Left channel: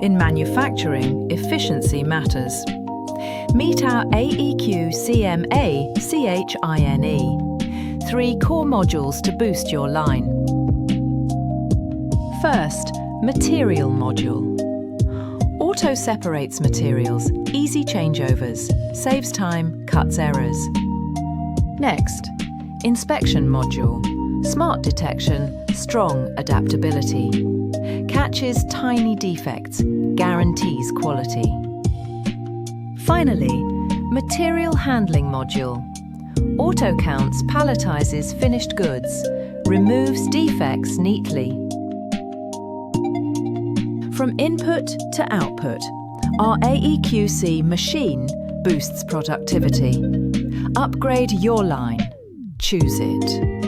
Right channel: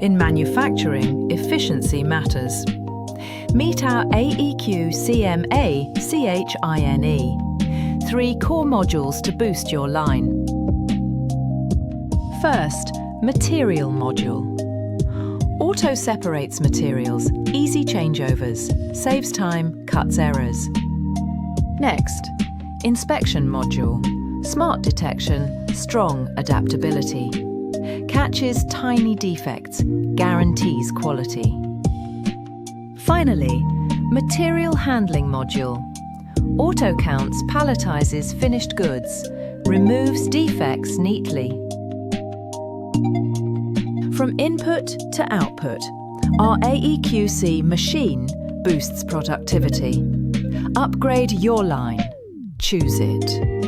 In manufacturing, efficiency matters. Meet our AEQ CMA CHINE. 3 core modules to boost your line. First, material module. Auto separates materials, easy changeovers, saves time, cuts errors. Next, inspection module. Smart detection, strong adaptability. Catches tiny defects, guarantees quality. Finally, material handling module. Auto counts palletizes finished goods, removes defects neatly. From input to output, our AEQC machine boosts productivity. Upgrade your line. Choose it.